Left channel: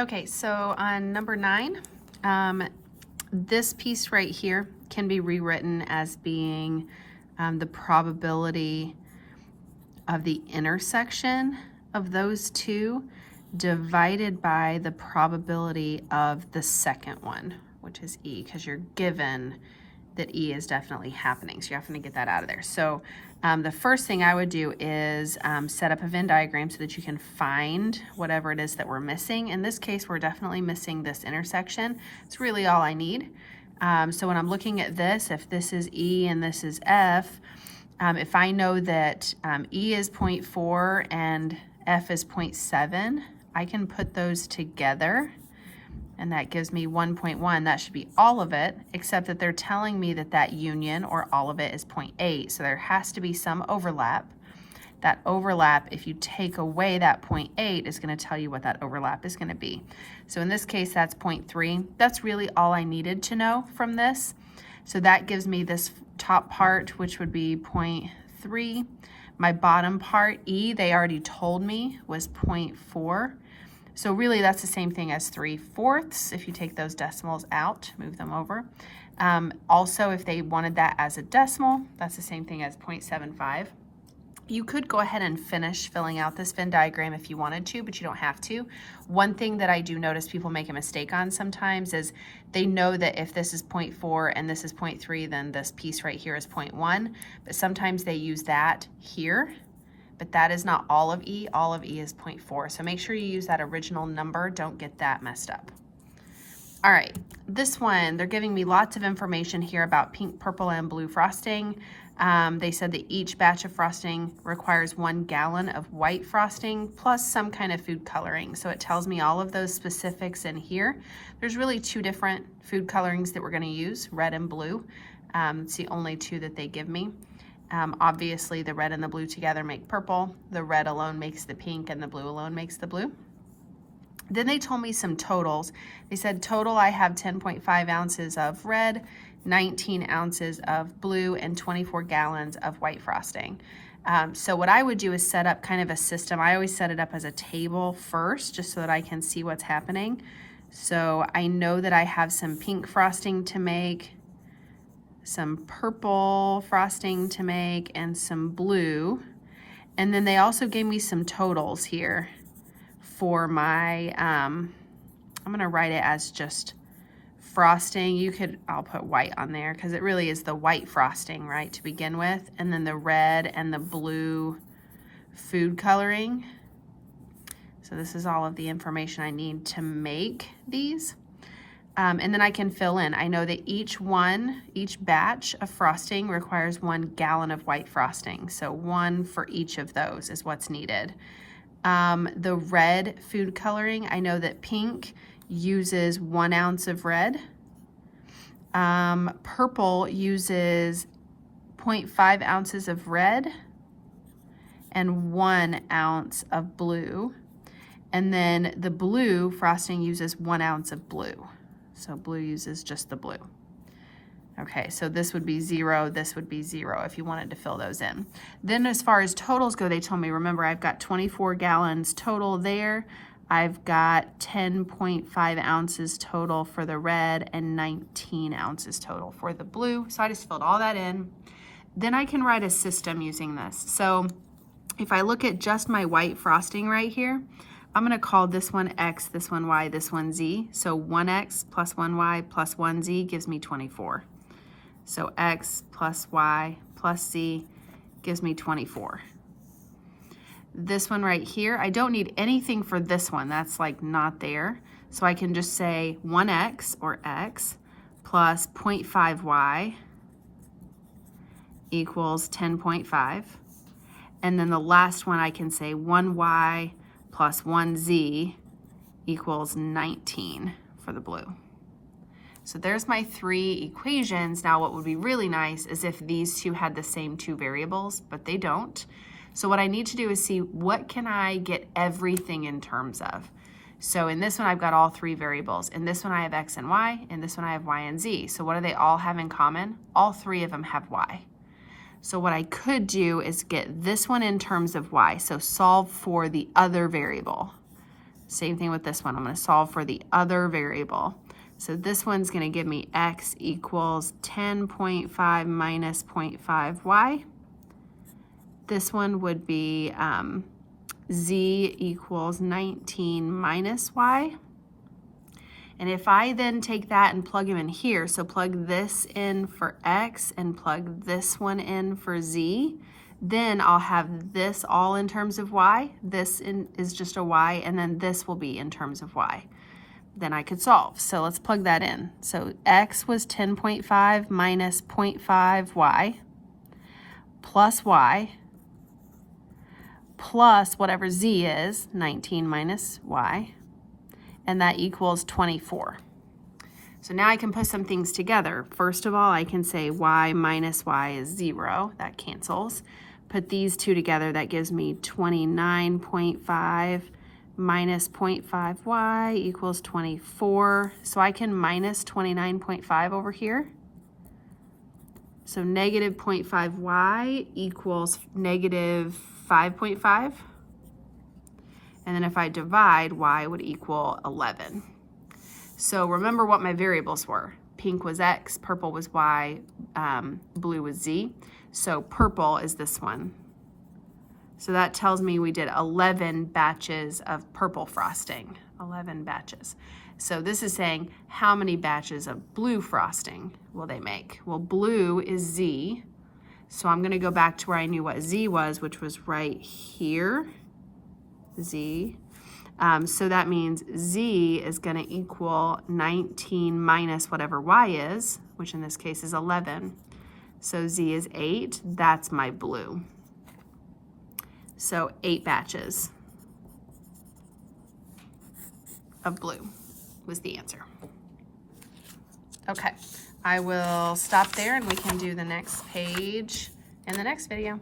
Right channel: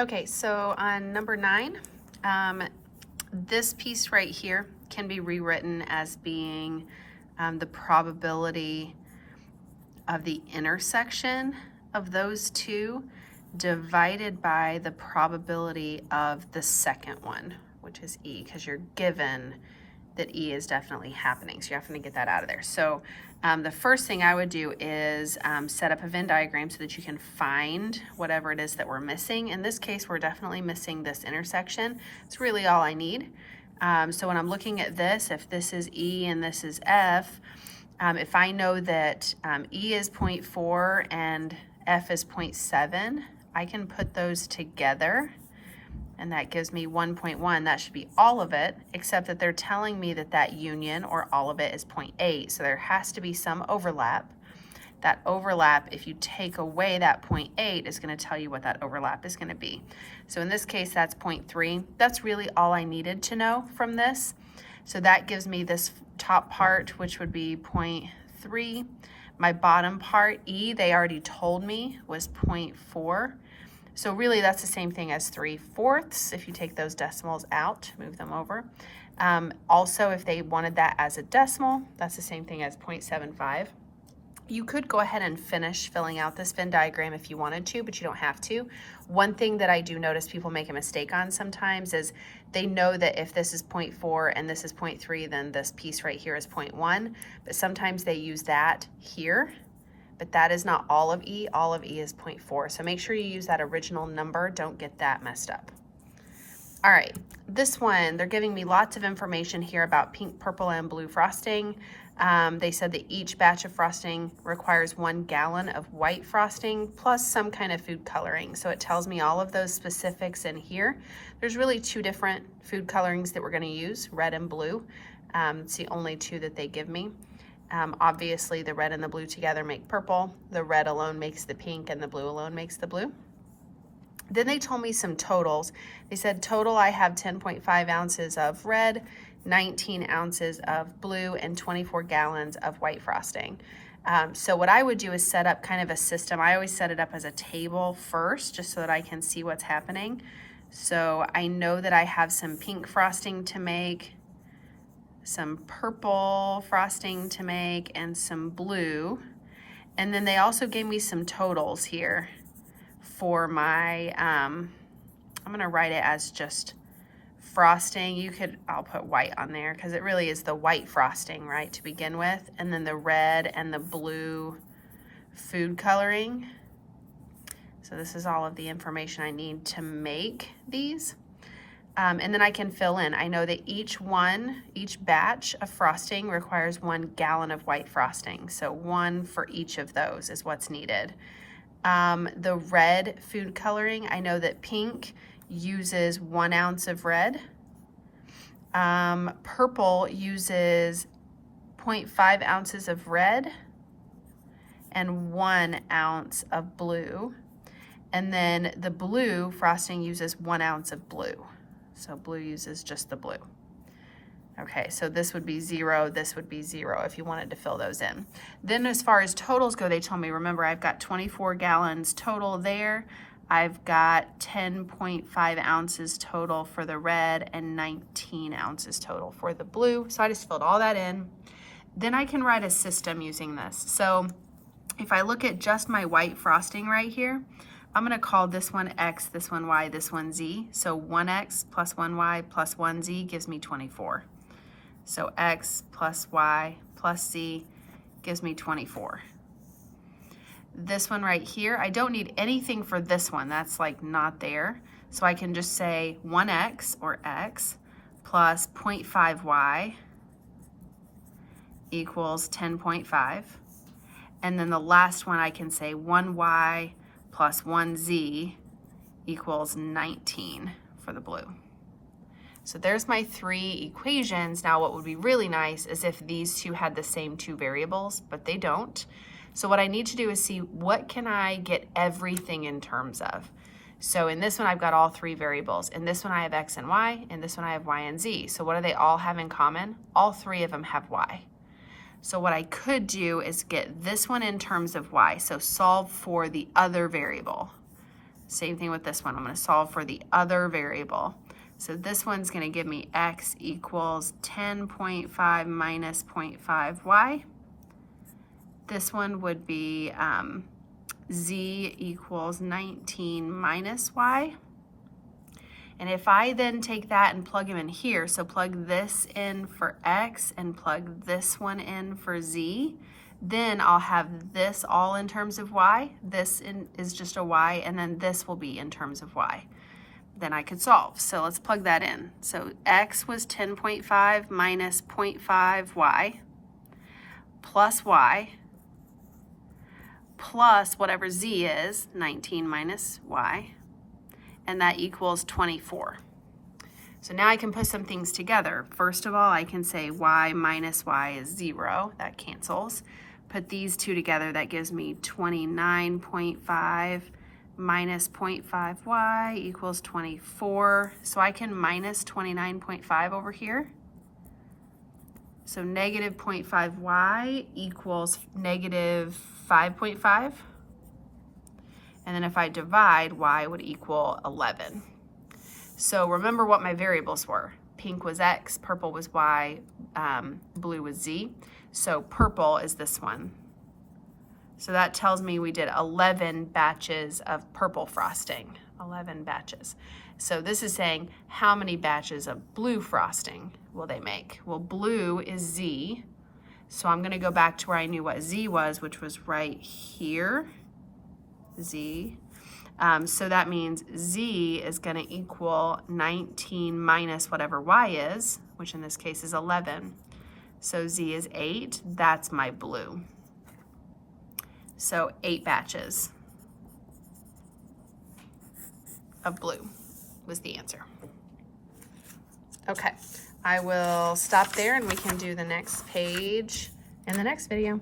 Okay, so on number 9, this piece right here can be rewritten as being the probability of the intersection of those two divided by the probability of the second one, which is E, because you're given that E is definitely happening. So you have to get that out of there. So the first thing I would do is set up a Venn diagram so that you can find whatever it is that we're missing. In this case, we're definitely missing this intersection. It's really all I need. So when I'm looking at this, if this is E and this is F, if I know that E is 0.4 and F is 0.7, I can put those together, and that gives me 1.1. That should be all of it, except that they're telling me that that union, or all of it, is 0.8. So there has to be some overlap. That overlap, if you take away that 0.8, is going to tell you what that overlap is going to be. So in this case, that's 0.3. That's really all I needed to know from this. So that gives me this top part, which would be 0.3. My bottom part, E, they already told me was 0.4. So really that's the same thing as 3/4 if you take those decimals out, move them over. Also, if they wanted that as a decimal, that's the same thing as 0.75. You could go ahead and finish filling out this Venn diagram if you wanted to, but you don't have to. One thing that I do notice people make a mistake on sometimes is they know that if this is 0.4 and this is 0.3, then this piece right here is 0.1, but sometimes they use that here, but that is not all of E. All of E is 0.4. So make sure you use that original number. Don't get that messed up. All right, this one, they're giving me lots of information here about pink, purple, and blue frosting. They said that each batch of frosting requires 1 gallon of white frosting plus some kind of food coloring. So it tells me all of those specifics in here. There's really 2 different food colorings that we're going to use, red and blue. It's the only 2 that they give me. Obviously, the red and the blue together make purple. The red alone makes the pink, and the blue alone makes the blue. Then they told me some totals. They said total I have 10.5 ounces of red, 19 ounces of blue, and 24 gallons of white frosting. So what I would do is set up kind of a system. I always set it up as a table first, just so that I can see what's happening. So I know that I have some pink frosting to make, some purple frosting to make, and some blue. And then they also gave me some totals here for my, I'm gonna write it as just frosting. I'll put white on there because it really is the white frosting, right, to begin with. And then the red and the blue food coloring. So this is all of the information I need to make these. And then I can fill in. I know that each batch of frosting requires 1 gallon of white frosting. So 1 for each of those is what's needed. The red food coloring, I know that pink uses 1 ounce of red. Purple uses 0.5 ounces of red and 1 ounce of blue. And then the blue frosting uses 1 ounce of blue. So blue uses just the blue. Okay, so this would be 0, this would be 0 if you wanted to fill those in. Then as far as totals go, they told me, remember, I've got 24 gallons total there. I've got 10.5 ounces total for the red and 19 ounces total for the blue. So I just filled all that in. Then I can write a system using this. So if I look at just my white frosting right here, I'm gonna call this one X, this one Y, this one Z. So 1X plus 1Y plus 1Z gives me 24. So X plus Y plus Z gives me 24. This one right here, I don't need anything for this one. That's like not there. So I can just say 1X or X plus 0.5Y equals 10.5. And then the last one I can say 1Y plus 1Z equals 19 for the blue. So there's my 3 equations. Now what would be really nice is if these 2 had the same 2 variables, but they don't. So what I need to do is see what can I get everything in terms of. So in this one I've got all 3 variables. In this one I have X and Y. In this one I have Y and Z. So what do they all have in common? All 3 of them have Y. So what I could do is get this one in terms of Y. So solve for the other variable. Same thing with this one. I'm going to solve for the other variable. So this one's going to give me x equals 10.5 minus 0.5y. This one would be z equals 19 minus y. And if I then take that and plug them in here, so plug this in for x and plug this one in for z, then I'll have this all in terms of y. This is just a y, and then this will be in terms of y. Then I could solve. So let's plug that in. So x was 10.5 minus 0.5y plus y plus whatever z is, 19 minus y, and that equals 24. So now I can put some things together. First of all, I can say y minus y is 0. That cancels. Put these two together, that gives me 29.5 minus 0.5y equals 24. So I can minus 29.5 over here. So negative 0.5y equals negative 5.5. And then if I divide, y would equal 11. So remember what my variables were. Pink was x, purple was y, blue was z. So purple is this one. So that tells me we did 11 batches of purple frosting, 11 batches. So this is saying how many batches of blue frosting will they make? Well, blue is z. So I'm going to go back to where I knew what z was, which was right here, z. So that means z is going to equal 19 minus whatever y is, which in this case is 11. So z is 8. That's my blue. So 8 batches of blue was the answer. Okay, I will stop there and we can do the next page in the next video.